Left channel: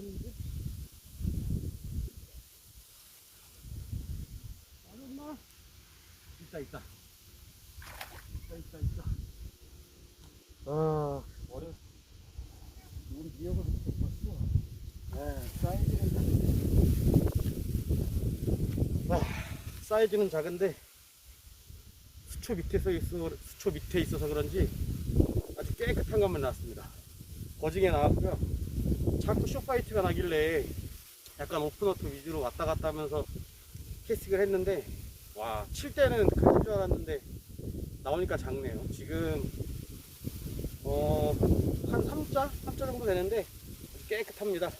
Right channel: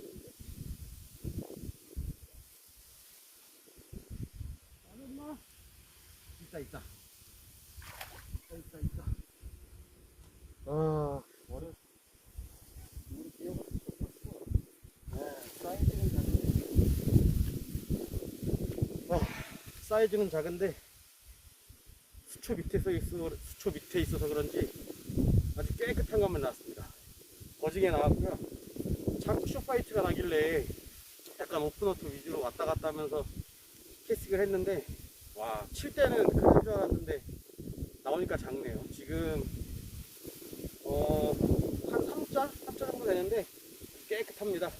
되는데. 안 없나? 있다, 있다. 있다, 있다, 있다. 아, 어려 우리 기억을 못봤어 네, 사이즈는 작은데. 아, 사이즈는 작은데. 수초 밑에 서 있어 수초 밑에 있어서 그런지 아주 깨끗한 것만 나왔습니다. 그 거징에 나왔고요. 자꾸 쇼파이트가 나길래 약간 오픈워터 위주로 왔다 갔다 하면서 캐스팅을 했는데 와, 칠 때는 클줄 알았는데 나오니까 작네요. 지금 어, 한 3자? 3자 정도 되는데 깨끗합니다.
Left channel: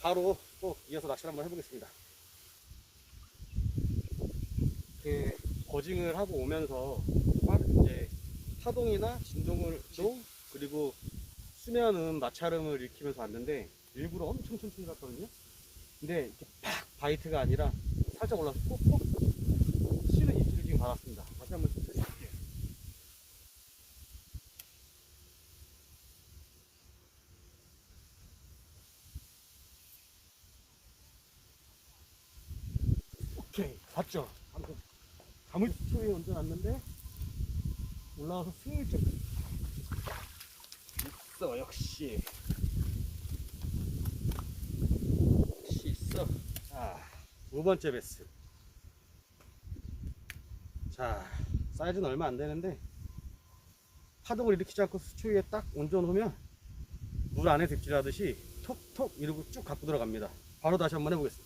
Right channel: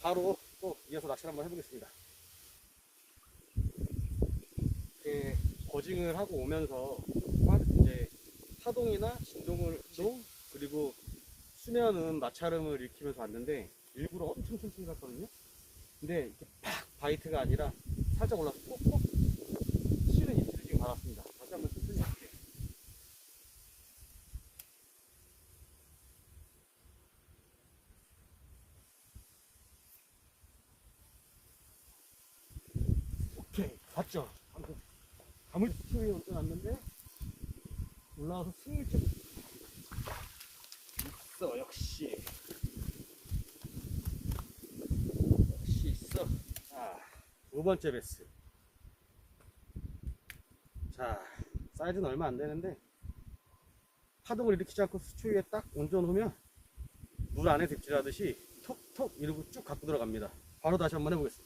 바로 또 이어서 낚시를 한번 해보겠습니다. 이렇게 거징을 하고 오면서 막 이제 파동이나 진동을 도 그리고 수면은 마찰음을 일으키면서 왔는데 일부러 엄청 천천히 갔거든요. 근데 이렇게 팍 바이트가 아니라 살짝 올라서 꼭꼭 치는 입질을 지금 받았습니다. 다시 한번 천천히 할게요. 오케이 봤죠? 방금 감을 수위에 얹어놨는데 올라와서 슬쩍 있어 역시. 역시 있어 자두 번째 베스. 자 사이즈는 얼마 안 되는데 파동을 일으키지 않고 수초 위에 딱 얹어놓으면 물 안에 득질하듯이 톡톡 이러고 쭉 갖고 들어갑니다. 바로 다시 한번 해보겠습니다